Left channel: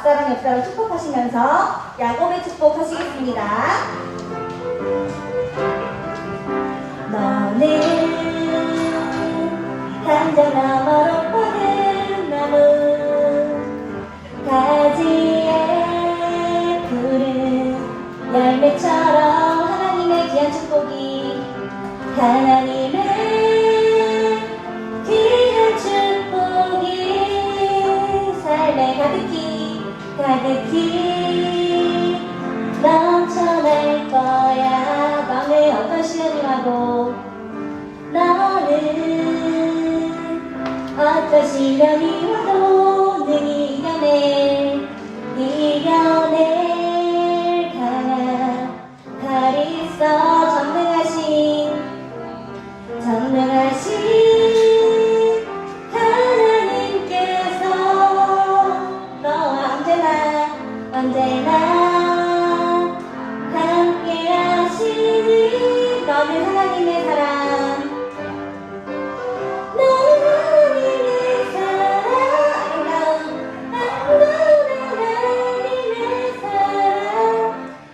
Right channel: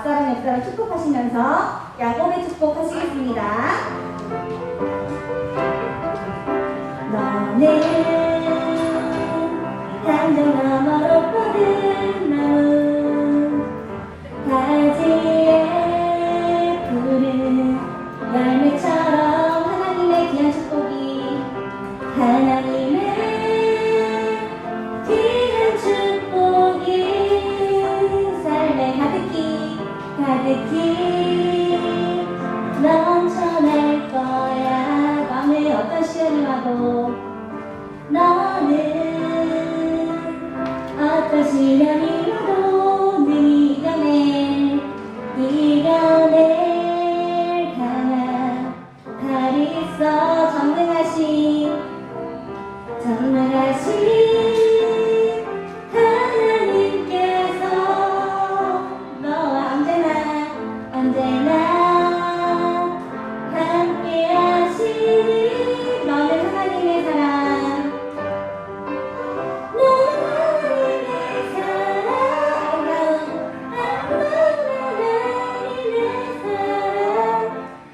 앞사랑 옆사랑 축복하시면서 야곱의 축복하시겠습니다. 너는 감정 너머로 뻗은 나무 가지에 푸른 열매처럼 하나님의 귀한 축복이 하나님의 귀한 축복이 삶에 가득히 넘쳐날 거야. 마음에 어떤 시련이 와도 너는 어떤 시련이 와도 능히 이겨낼 강한 팔이 있어. 전능하신 하나님께서 너와 언제나 함께 하시니 너는 하나님의 사랑, 너는 하나님의 사랑,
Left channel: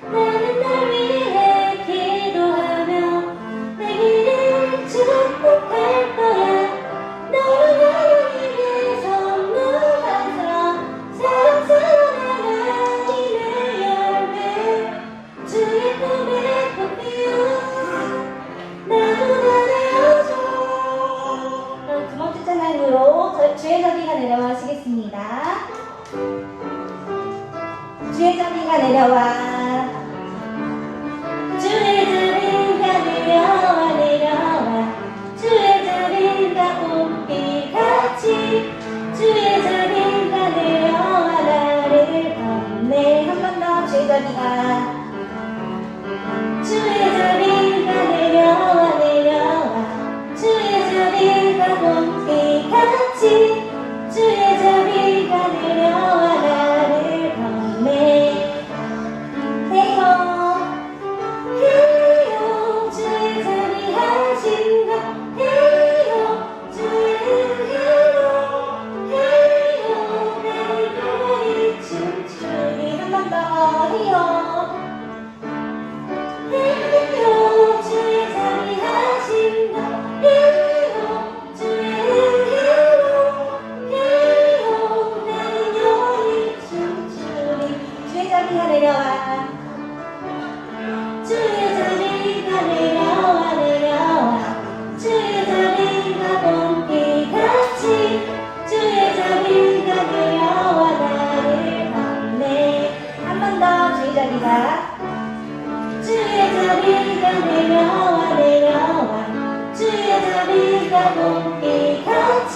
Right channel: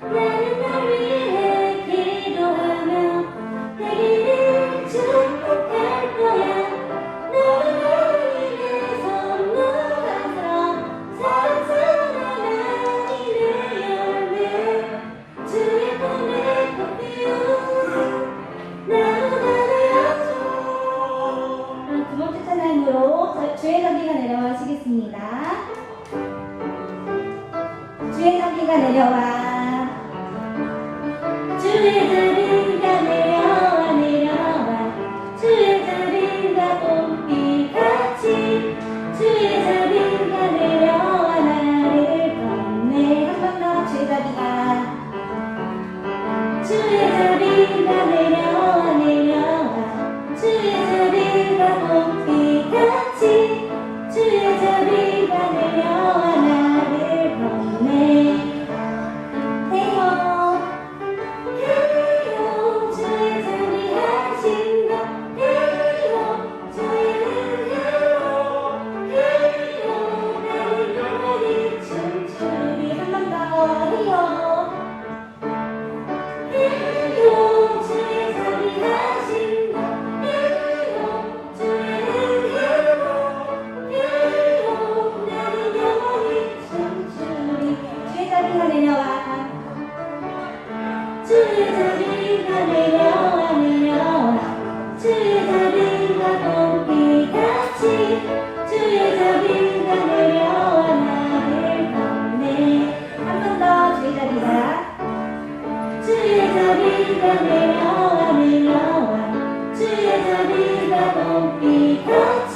나는 널 위해 기도하며 내 길을 축복할 거야. 너는 하나님의 선물한처럼 사랑스러운 하나님의 열매, 주의 품에 꽃피운 나무가 되어줘. 두 번째 찬양으로 주의 자비가 내려와시겠습니다. 주의 자비가 내려와, 주의 자비가 내려와 주의 자비가 봄비같이 주의 자비가 내려와 나를 건네. 한 번 더 주의 자비가 내려와 주의 자비가 봄비같이 주의 자비가 내려와 나를 건네. 헤이호 주의 자비하신 것, 헤이호 주의 헤이호 나는 영원히 춤추리. 한 번 더 헤이호 주의 자비하신 것, 헤이호 주의 헤이호 나는 영원히 춤추리. 주의 자비가 내려와, 주의 자비가 내려와 주의 자비가 봄비같이 주의 자비가 내려와 나를 건네. 한 번 더 주의 자비가 내려와 주의 자비가 봄비같이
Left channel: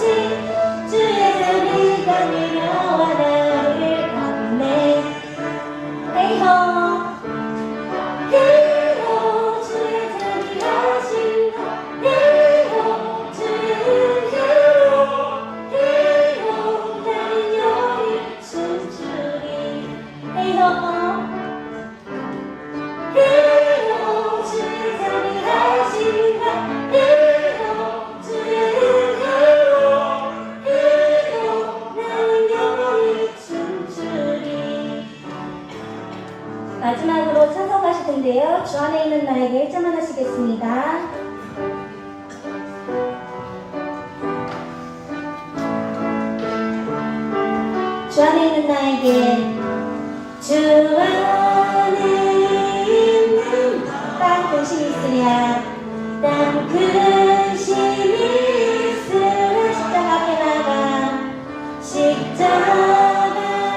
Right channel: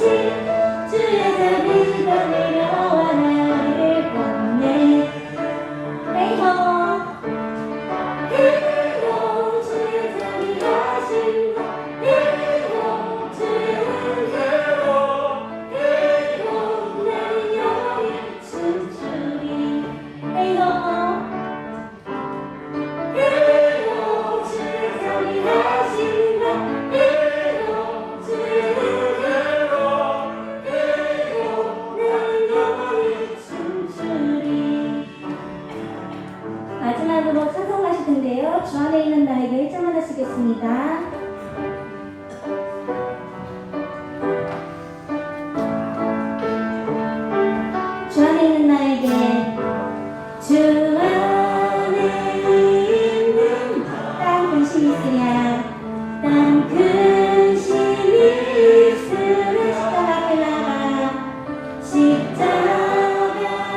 주의 자비가 내려와 나를 건네. 헤이호 주의 자비하신 것, 헤이호 주의 헤이호 나는 영원히 춤추리. 헤이호 주의 자비하신 것, 헤이호 주의 헤이호 나는 영원히 춤추리. 마지막으로 찬송하실 텐데요. 주 안에 있는 나에게 1절만 하시겠습니다. 주 안에 있는 나에게, 주 안에 있는 땅 근심이 있으랴, 땅 근심이 있으랴. 십자가 앞에 나가 십자가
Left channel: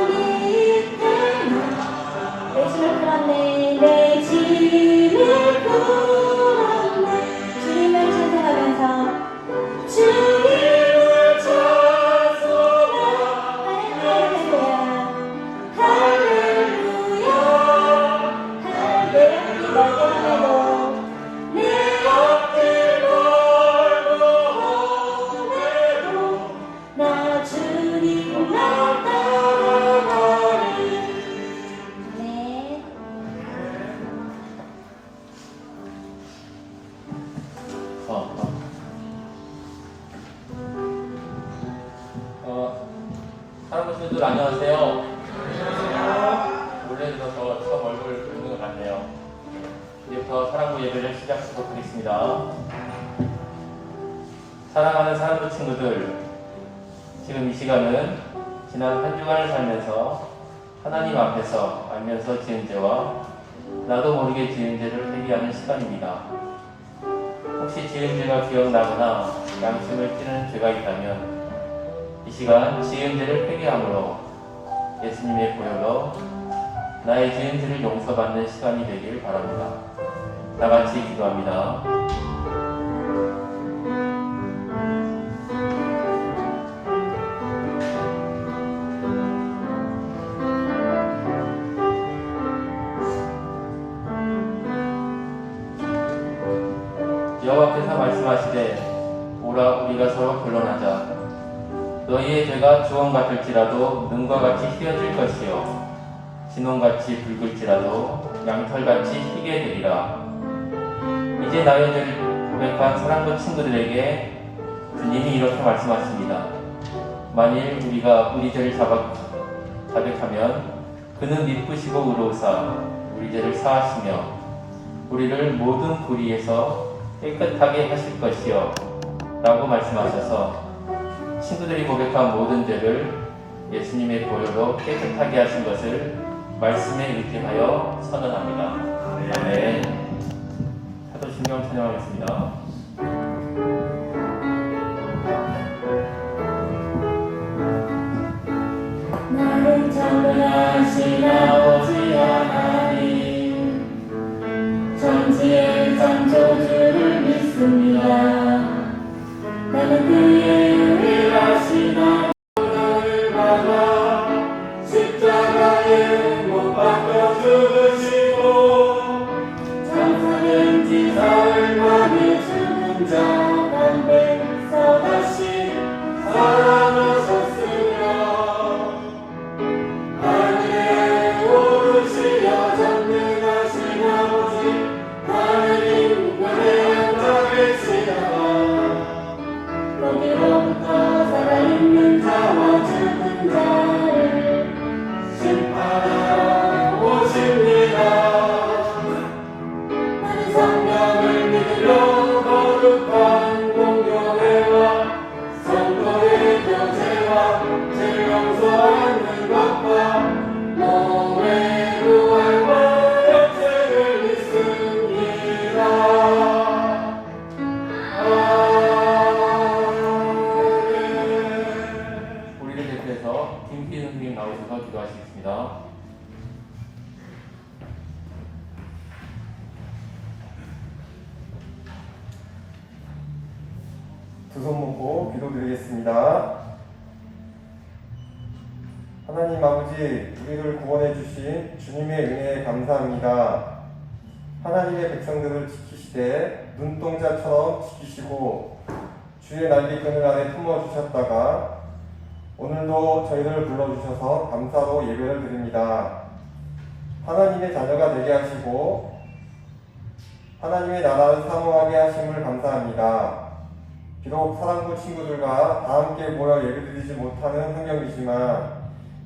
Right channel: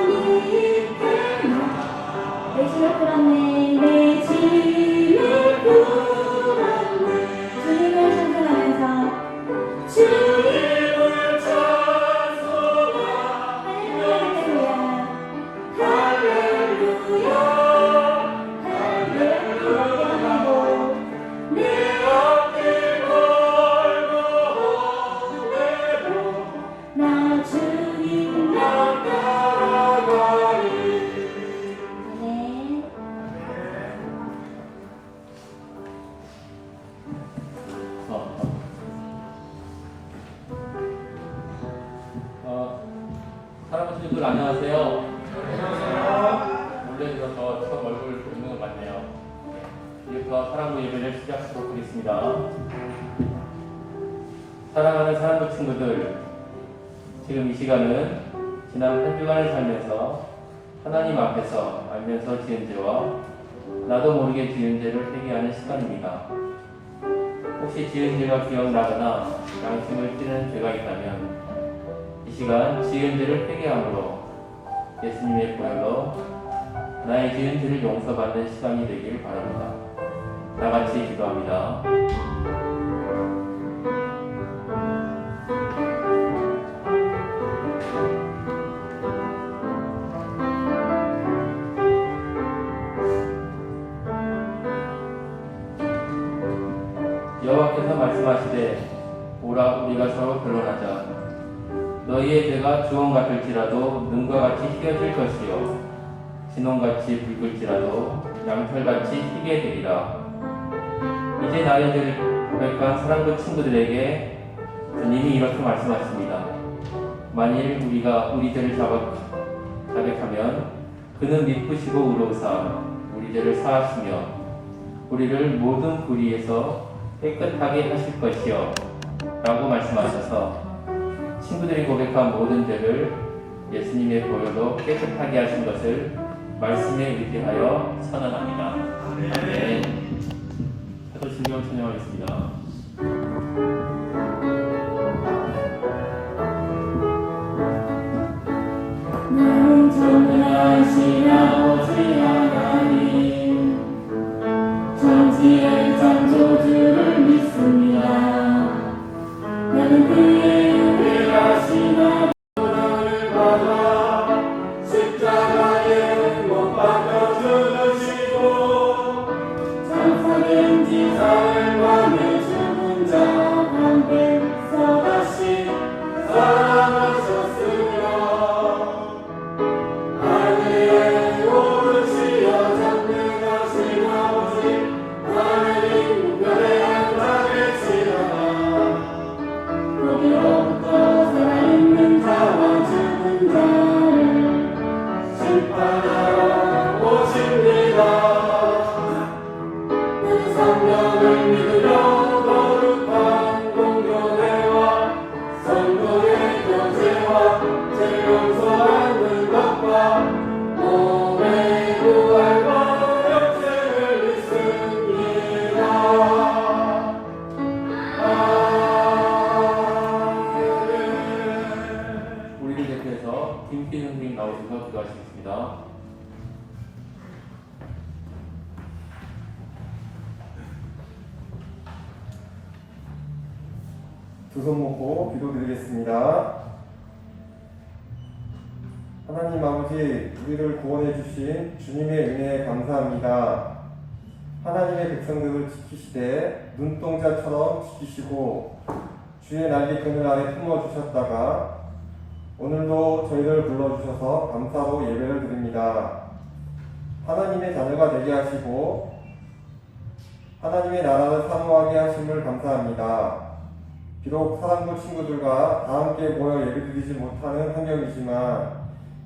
밑에 내 짐을 풀었네, 내 짐을 풀었네. 주님을 찬송하면서 주님을 찬송하며 할렐루야 할렐루야 할렐루야. 내 앞길 멀고 험해도 나 주님 나 따라가리. 네. 사랑하는 분들 안녕하세요. 올려주셔서 처음 얼굴 보는 것 같네요. 이제부터 사랑부 예배를 시작하도록 하겠습니다. 사랑하는 사랑부 친구들, 지금 이 시간은 지난 한 주간을 살면서 하나님 앞에서 알면서 지은 죄와 나도 모르게 지은 죄를 회개하는 시간입니다. 혹시 지은 죄가 기억나거나 양심을 찌르는 죄가 있다면 이 시간 지은 죄를 회개함으로 예수님의 보혈로 나의 지은 죄를 용서받는 시간이 되길 바랍니다. 다 같이 기도합니다. 여호와께서 말씀하시되 오라 우리가 서로 변론하자. 너희의 죄가 주홍 같을지라도 눈과 같이 희어질 것이요 진홍같이 붉을지라도 양털같이 희게 되리라. 이제 나의 죄를 고백한 사랑부 친구들에게 주님이 이렇게 말씀하십니다. 만일 우리가 우리 죄를 자백하면 그는 미쁘시고 의로우사 우리 죄를 사하시며 우리를 모든 불의에서 깨끗하게 하실 것이요 라고 말씀하셔서 친구들이 고백한 모든 죄를 예수님의 보혈로 깨끗하게 하신 것을 말씀에 의지하여 선언합니다. 아멘. 사도신경 찬양하겠습니다. 나는 전능하신 아버지 하나님 천지의 창조주를 믿습니다. 나는 그의 유일하신 아버지를 받아 십자가에 못 박혀 죽으시고 장사된 지 사흘 만에 죽은 자 가운데 다시 살아나셨으며 하늘에 오르시어 전능하신 아버지 하느님 우편에 앉아 계시다가 거기로부터 살아있는 자와 죽은 자를 심판하러 오십니다. 나는 성령을 믿으며 거룩한 공교회와 성도의 교제와 죄 용서하는 것과 몸의 부활과 영생을 믿습니다. 아멘. 우리를 대표해서 김필 선생님 나오셔서 기도하시겠습니다. 두 손 모고 기도드리겠습니다. 하나님 아버지, 우리를 구원해 주신 주님의 은혜에 감사합니다. 하나님의 백성들을 지키시되 눈동자처럼 지키시고 주의 날개 그늘 아래 품어 주셨다가 오늘도 저희를 불러주셔서 감사로 예배를 드립니다. 하나님의 자녀가 되게 하시고 하나님의 나라를 사모하게 하심을 감사합니다. 비록 사랑부 친구들과 다 함께 모여 예배드리지 못하는 환경이지만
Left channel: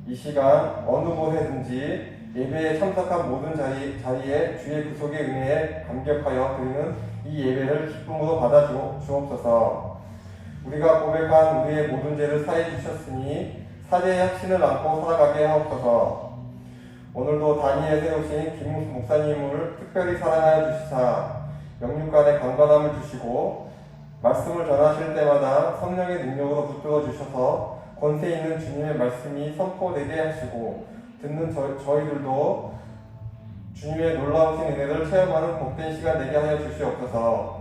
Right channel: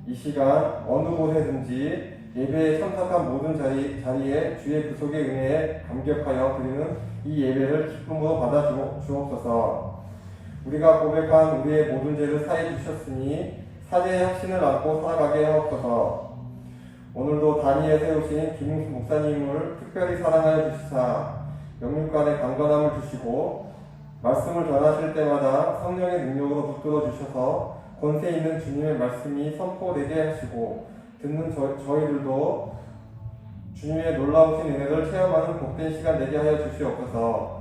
이 시간 어느 곳에든지 예배에 참석한 모든 자리에 주의 구속의 은혜에 감격하여 드리는 이 예배를 기쁨으로 받아 주옵소서. 우리가 고백한 우리의 모든 죄를 사해 주셨으니 사죄의 확신을 안고 살아가게 하옵소서. 오늘도 단위에 세우신 김 목사님을 특별히 사랑하여 주시사 영육간의 강건함을 주시고 말씀을 전하실 때마다 성령의 능력으로 붙들어 주셔서 권세 있는 주님의 말씀이 선포되게 하시고 듣는 저희들도 주님의 놀라우신 은혜를 체험하는 복된 시간 되게 하여 주시옵소서.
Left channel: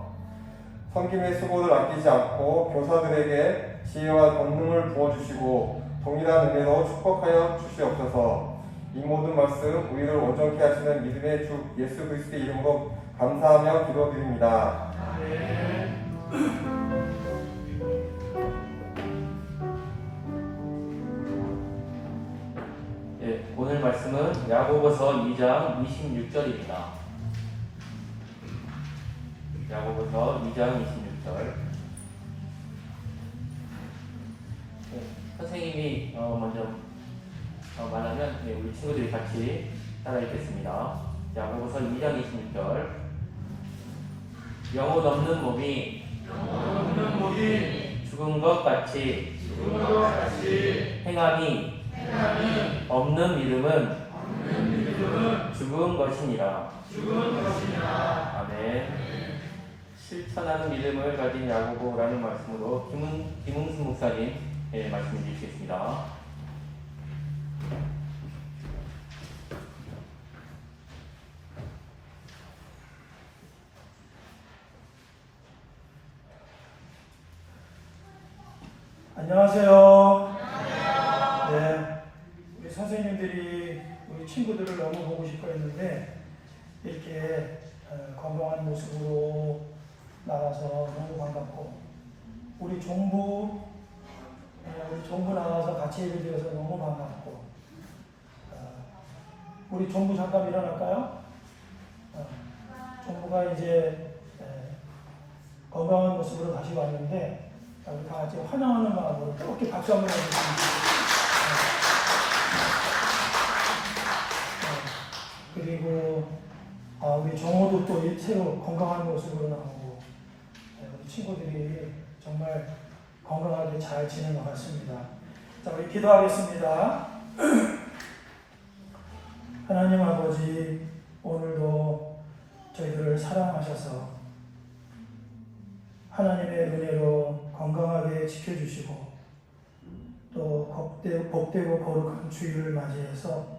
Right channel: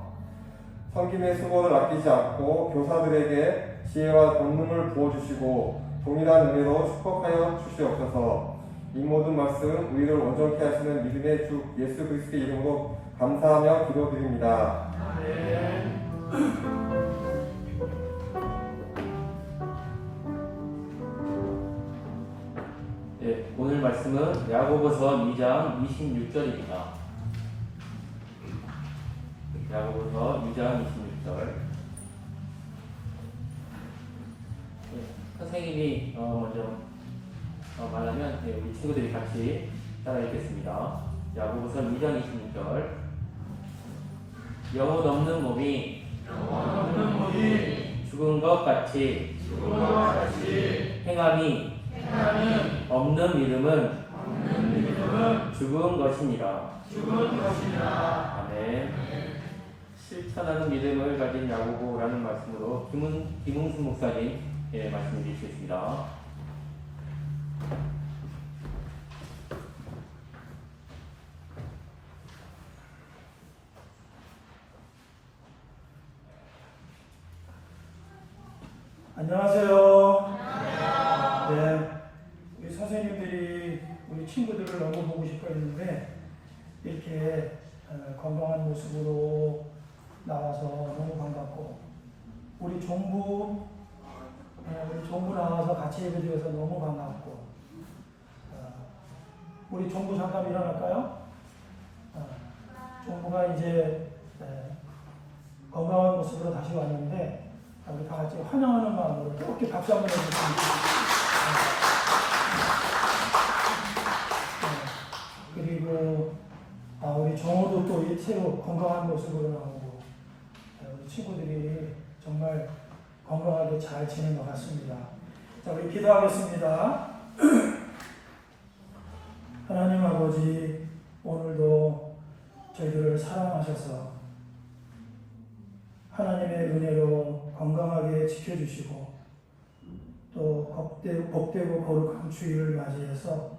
섬김의 수고를 아끼지 않고 교사들에게 지혜와 권능을 부어주시고 동일한 은혜로 축복하여 주시옵소서. 이 모든 말씀 우리를 온전케 하시는 믿음의 주 예수 그리스도의 이름으로 감사하며 기도드립니다. 네, 오늘 말씀은 야고보서 2장 26절입니다. 야고보서 2장 26절. 선생님이 먼저 말하면 우리 친구들이 같이 따라 읽겠습니다. 야고보서 2장 26절. 영혼 없는 몸이 죽은 것 같이 행함이 없는 믿음은 죽은 것이니라. 아멘. 실천하는 믿음을 가진 야고보라는 말씀으로 김웅수 목사님 말씀 주시겠습니다. 안녕하세요. 네, 우리 선생님들이 우리 친구들을 너무 보고 싶어 했는데 이렇게 건강한 모습으로 나와서 너무 반갑고 우리 종부 나와서 같이 예배드려서 너무 반갑고 우리 종부 잠깐 일어날까요? 종부가 이제 건강한 모습으로 다시 왔는데 우리 다 같이 환영하는 마음으로 이렇게 박수 한번 해주시면 그리고 우리 정호도 또 새로 건강한 모습으로 나오고 우리 친구들이 정말 건강하게 잘 지낸 것 같습니다. 자, 우리 기도하겠습니다. 하나님 아버지, 오늘도 저희들을 사랑하셔서 하나님의 은혜로 건강하게 지켜주시고 또 복되고 거룩한 주일을 맞이해서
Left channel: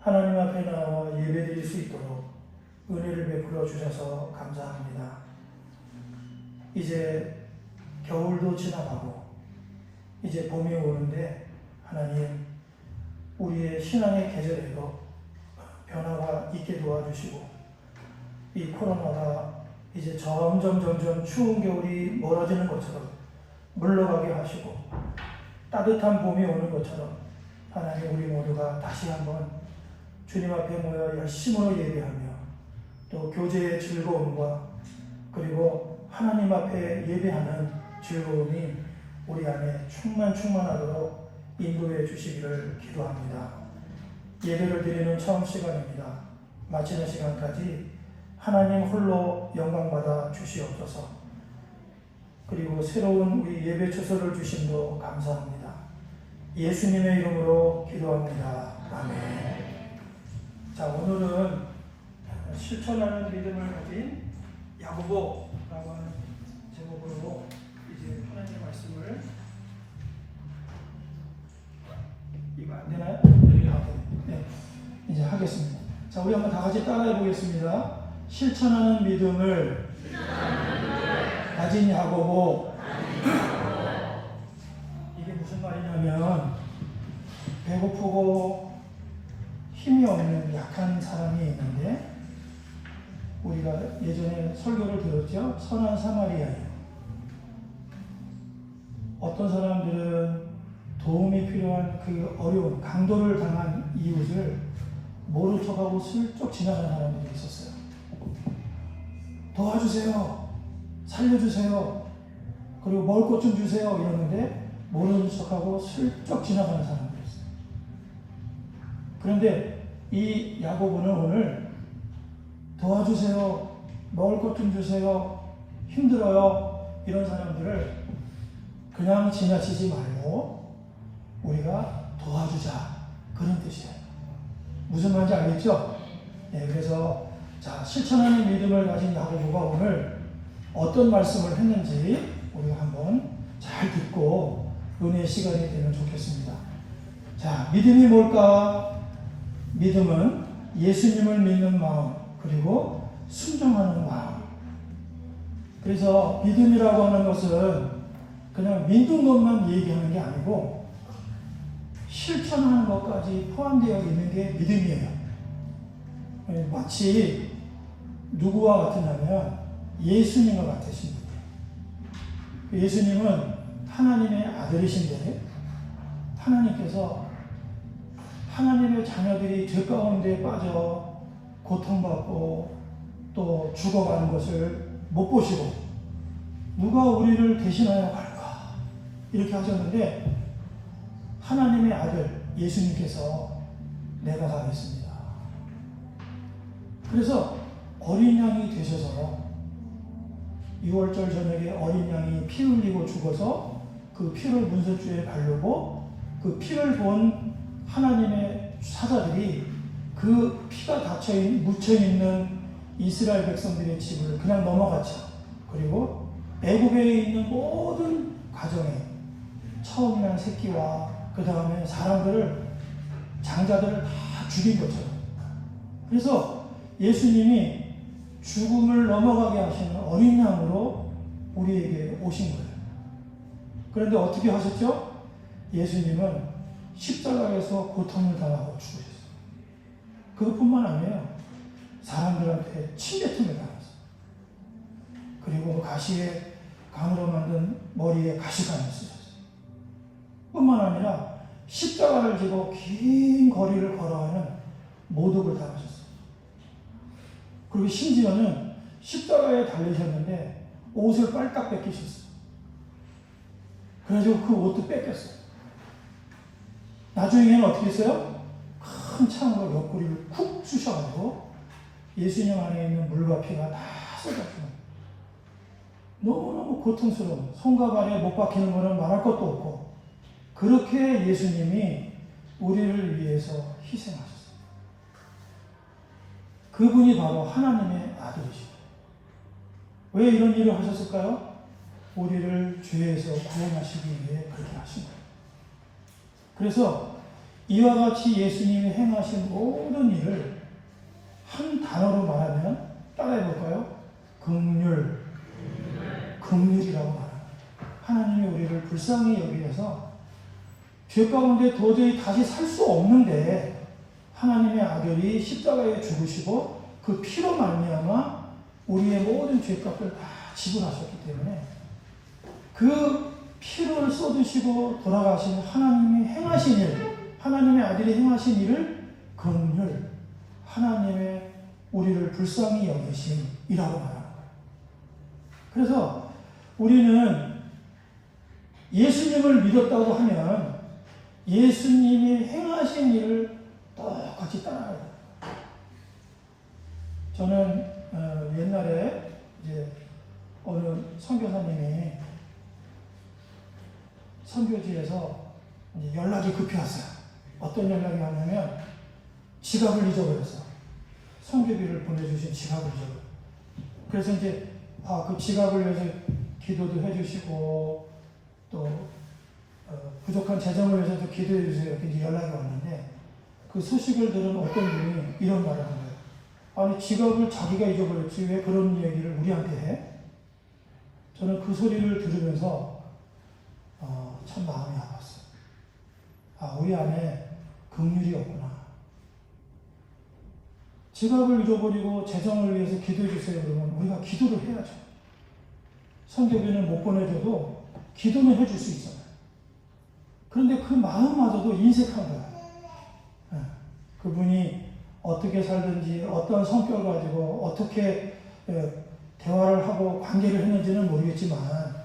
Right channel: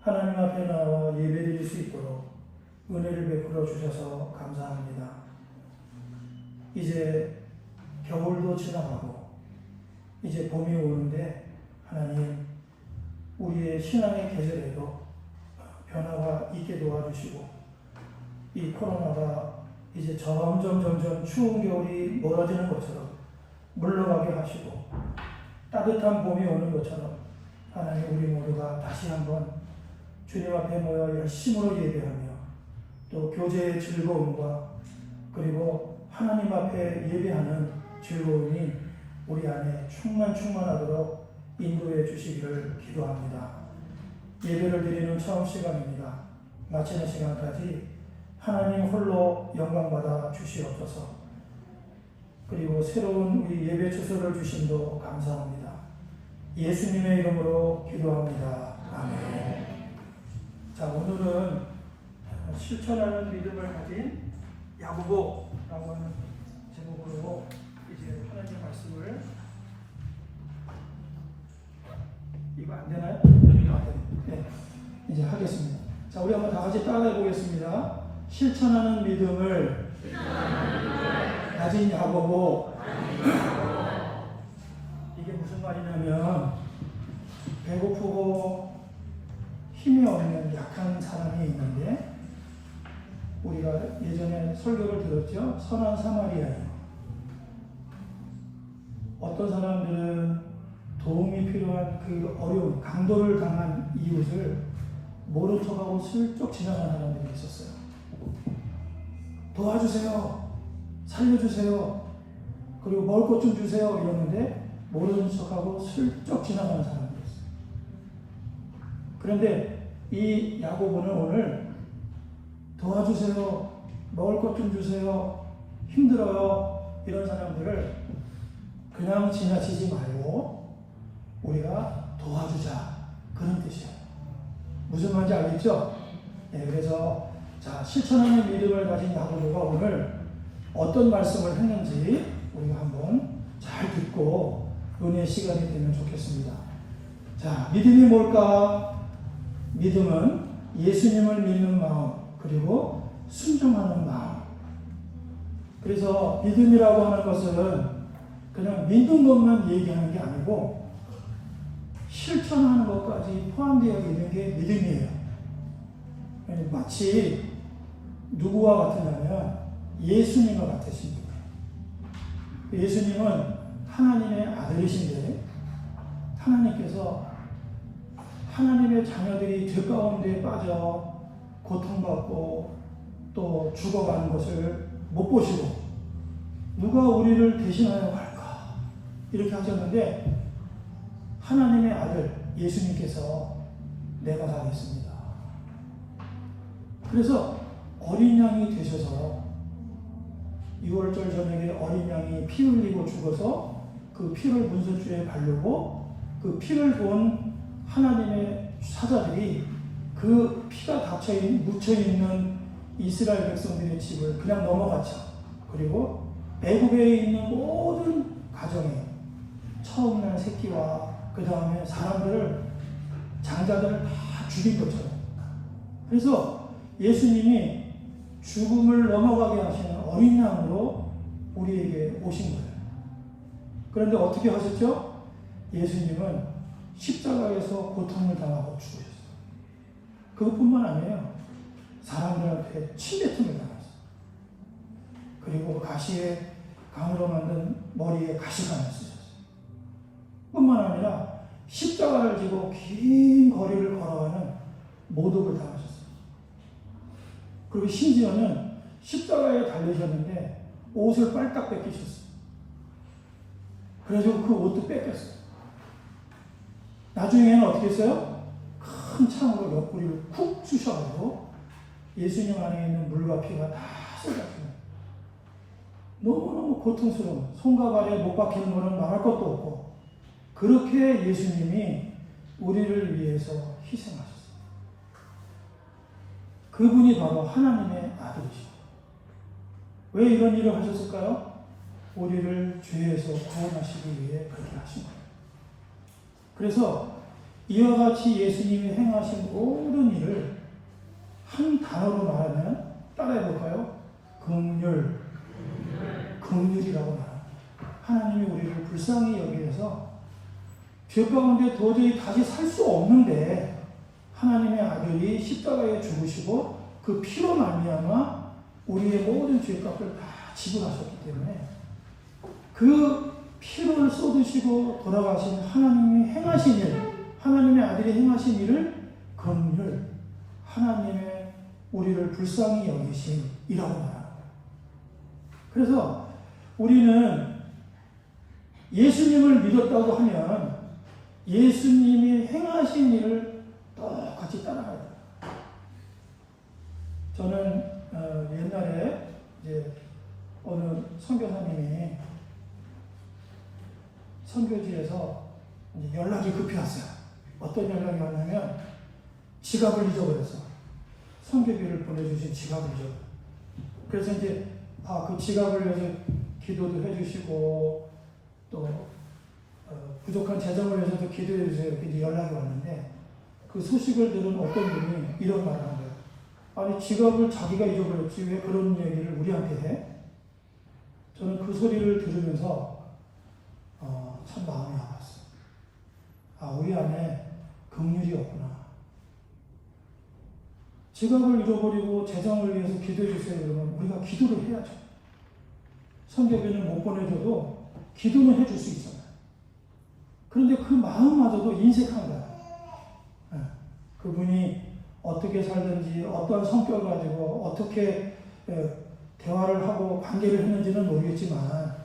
하나님 앞에 나와 예배드릴 수 있도록 은혜를 베풀어 주셔서 감사합니다. 이제 겨울도 지나가고 이제 봄이 오는데 하나님 우리의 신앙의 계절에도 변화가 있게 도와주시고 이 코로나가 이제 점점 추운 겨울이 멀어지는 것처럼 물러가게 하시고 따뜻한 봄이 오는 것처럼 하나님 우리 모두가 다시 한번 주님 앞에 모여 열심으로 예배하며 또 교제의 즐거움과 그리고 하나님 앞에 예배하는 즐거움이 우리 안에 충만하도록 인도해 주시기를 기도합니다. 예배를 드리는 처음 시간입니다. 마치는 시간까지 하나님 홀로 영광받아 주시옵소서. 그리고 새로운 우리 예배 처소를 주심도 감사합니다. 예수님의 이름으로 기도합니다. 아멘. 자, 오늘은 실천하는 믿음을 가진 야고보라고 하는 제목으로 이제 하나님의 말씀을 이거 안 되나요? 네, 이제 하겠습니다. 자, 우리 한번 다 같이 따라해 보겠습니다. 실천하는 믿음을 가진 야고보. 이게 무슨 말이냐면 배고프고 힘이 없는 약한 사람이 있는데 우리가 예전에 설교를 들었죠. 선한 사마리아인. 어떤 사람들은 도움이 필요한 그 어려운 강도를 당한 이웃을 모른 척하고 슬쩍 지나가는 사람들이 있었어요. 도와주세요. 살려주세요. 그리고 먹을 것 좀 주세요. 이러는데 모르는 척하고 슬쩍 지나가는 사람들이었어요. 그런데 이 야고보는 오늘 도와주세요. 먹을 것 좀 주세요. 힘들어요. 이런 사람들을 그냥 지나치지 말고 우리가 도와주자. 그런 뜻이에요. 무슨 말인지 알겠죠? 네, 그래서 자, 실천하는 믿음을 가진 야고보가 오늘 어떤 말씀을 했는지 우리가 한번 잘 듣고 은혜의 시간이 되면 좋겠습니다. 자, 믿음이 뭘까? 믿음은 예수님을 믿는 마음 그리고 순종하는 마음. 그래서 믿음이라고 하는 것은 그냥 믿는 것만 얘기하는 게 아니고 실천하는 것까지 포함되어 있는 게 믿음이에요. 마치 누구와 같으냐면 예수님과 같으신 분이에요. 예수님은 하나님의 아들이신데 하나님께서 하나님의 자녀들이 죄 가운데 빠져 고통받고 또 죽어가는 것을 못 보시고 누가 우리를 대신하여 갈까 이렇게 하셨는데 하나님의 아들 예수님께서 내가 가겠습니다. 그래서 어린 양이 되셔서 6월절 저녁에 어린 양이 피 흘리고 죽어서 그 피를 문설주에 바르고 그 피를 본 하나님의 사자들이 그 피가 묻혀있는 이스라엘 백성들의 집을 그냥 넘어갔죠. 그리고 애굽에 있는 모든 가정에 처음 난 새끼와 그 다음에 사람들을 장자들을 다 죽인 것처럼. 그래서 예수님이 죽음을 넘어가게 하시는 어린 양으로 우리에게 오신 거예요. 그런데 어떻게 하셨죠? 예수님은 십자가에서 고통을 당하고 죽으셨어요. 그것뿐만 아니에요. 사람들한테 침뱉음을 당했어요. 그리고 가시에 강으로 만든 머리에 가시관을 쓰셨어요. 뿐만 아니라 십자가를 지고 긴 거리를 걸어가는 모독을 당하셨어요. 그리고 심지어는 십자가에 달리셨는데 옷을 빨딱 뺏기셨어요. 그래서 그 옷도 뺏겼어요. 나중에는 어떻게 했어요? 큰 창으로 옆구리를 쿡 쑤셔가지고 예수님 안에 있는 물과 피가 다 쏟아져요. 너무너무 고통스러운, 손과 발에 못 박히는 것은 말할 것도 없고, 그렇게 예수님이 우리를 위해서 희생하셨어요. 그분이 바로 하나님의 아들이시죠. 왜 이런 일을 하셨을까요? 우리를 죄에서 구원하시기 위해 그렇게 하신 거예요. 그래서 이와 같이 예수님이 행하신 모든 일을 한 단어로 말하면 따라해 볼까요? 긍휼. 긍휼이라고 말합니다. 하나님이 우리를 불쌍히 여기셔서 죄 가운데 도저히 다시 살 수 없는데 하나님의 아들이 십자가에 죽으시고 그 피로 말미암아 우리의 모든 죄값을 다 지불하셨기 때문에 그 피를 쏟으시고 돌아가신 하나님이 행하신 일, 하나님의 아들이 행하신 일을 긍휼, 하나님의 우리를 불쌍히 여기심이라고 말합니다. 그래서 우리는 예수님을 믿었다고 하면 예수님이 행하신 일을 똑같이 따라가야 돼요. 저는 옛날에 이제 어느 선교사님이 선교지에서 연락이 급히 왔어요. 어떤 연락이 왔냐면 지갑을 잊어버렸어요. 선교비를 보내주신 지갑을 잊어버렸어요. 그래서 이제 그 지갑을 위해서 기도도 해주시고 또 부족한 재정을 위해서도 기도해 주세요. 이렇게 연락이 왔는데 그 소식을 들은 어떤 분이 이런 말을 한 거예요. 아니 지갑을 자기가 잊어버렸지 왜 그런 얘기를 우리한테 해? 저는 그 소리를 들으면서 참 마음이 아팠어요. 우리 안에 긍휼이 없구나. 지갑을 잃어버리고 재정을 위해서 기도해 주세요. 그러면 우리가 기도를 해야죠. 선교비는 못 보내줘도 기도는 해줄 수 있잖아요. 그런데 그 마음마저도 인색한 거예요. 그분이 어떻게 살든지 어떤 성격을 가지고 어떻게 대화를 하고 관계를 했는지는 모르겠지만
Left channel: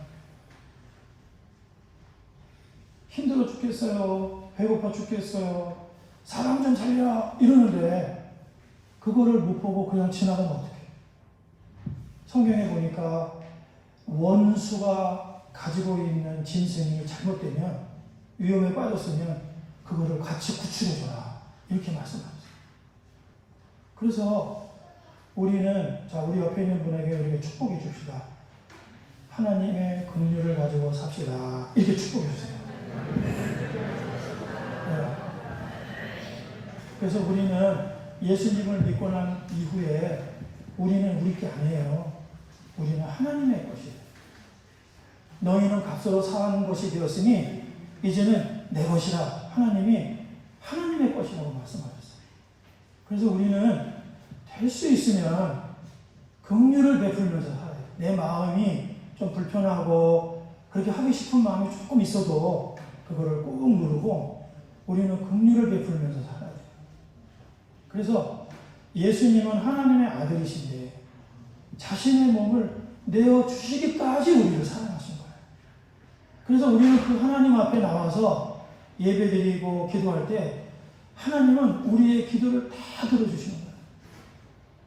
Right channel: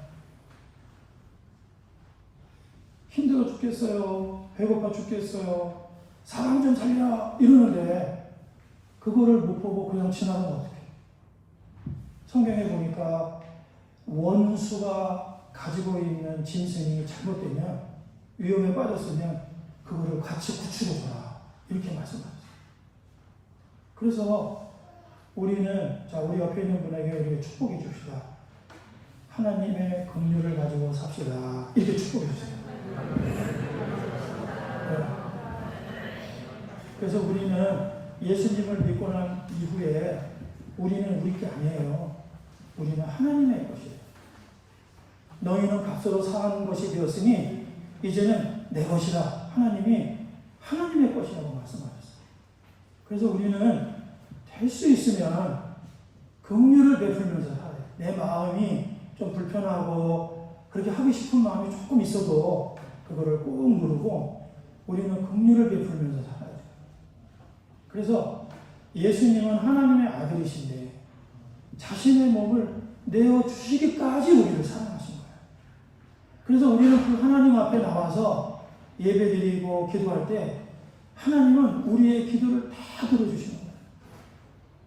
힘들어 죽겠어요. 배고파 죽겠어요. 사람 좀 살려라 이러는데 그거를 못 보고 그냥 지나가면 어떡해. 성경에 보니까 원수가 가지고 있는 짐승이 잘못되면 위험에 빠졌으면 그거를 같이 구출해줘라 이렇게 말씀하셨어요. 그래서 우리는 우리 옆에 있는 분에게 우리가 축복해 줍시다. 하나님의 긍휼을 가지고 삽시다. 이렇게 축복해 주세요. 네. 그래서 우리는 예수님을 믿고 난 이후에 우리는 우리 게 아니에요. 우리는 하나님의 것이에요. 너희는 값으로 사는 것이 되었으니 이제는 내 것이라. 하나님이 하나님의 것이라고 말씀하셨어요. 그래서 우리는 될 수 있으면 긍휼을 베풀면서 살아요. 내 마음이 좀 불편하고 그렇게 하기 싶은 마음이 조금 있어도 그거를 꾹 누르고 우리는 긍휼을 베풀면서 살아야 돼요. 그래서 예수님은 하나님의 아들이신데 자신의 몸을 내어주시기까지 우리를 사랑하신 거예요. 그래서 우리는 그 하나님 앞에 나와서 예배드리고 기도할 때 하나님은 우리의 기도를 다 들어주시는 거예요.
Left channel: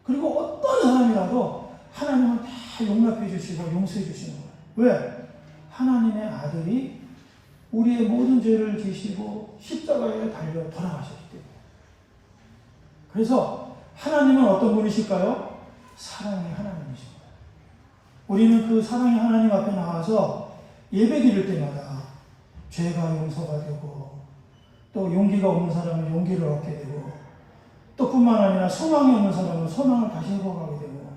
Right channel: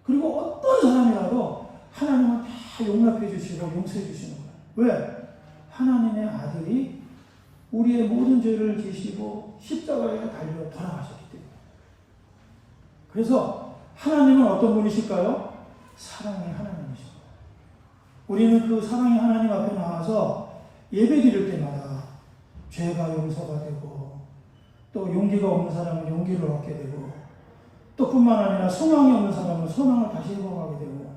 그리고 어떤 사람이라도 하나님은 다 용납해 주시고 용서해 주시는 거예요. 왜? 하나님의 아들이 우리의 모든 죄를 지시고 십자가에 달려 돌아가셨기 때문에. 그래서 하나님은 어떤 분이실까요? 사랑의 하나님이십니다. 우리는 그 사랑의 하나님 앞에 나와서 예배 드릴 때마다 죄가 용서가 되고 또 용기가 없는 사람은 용기를 얻게 되고 또 뿐만 아니라 소망이 없는 사람은 소망을 다시 회복하게 되고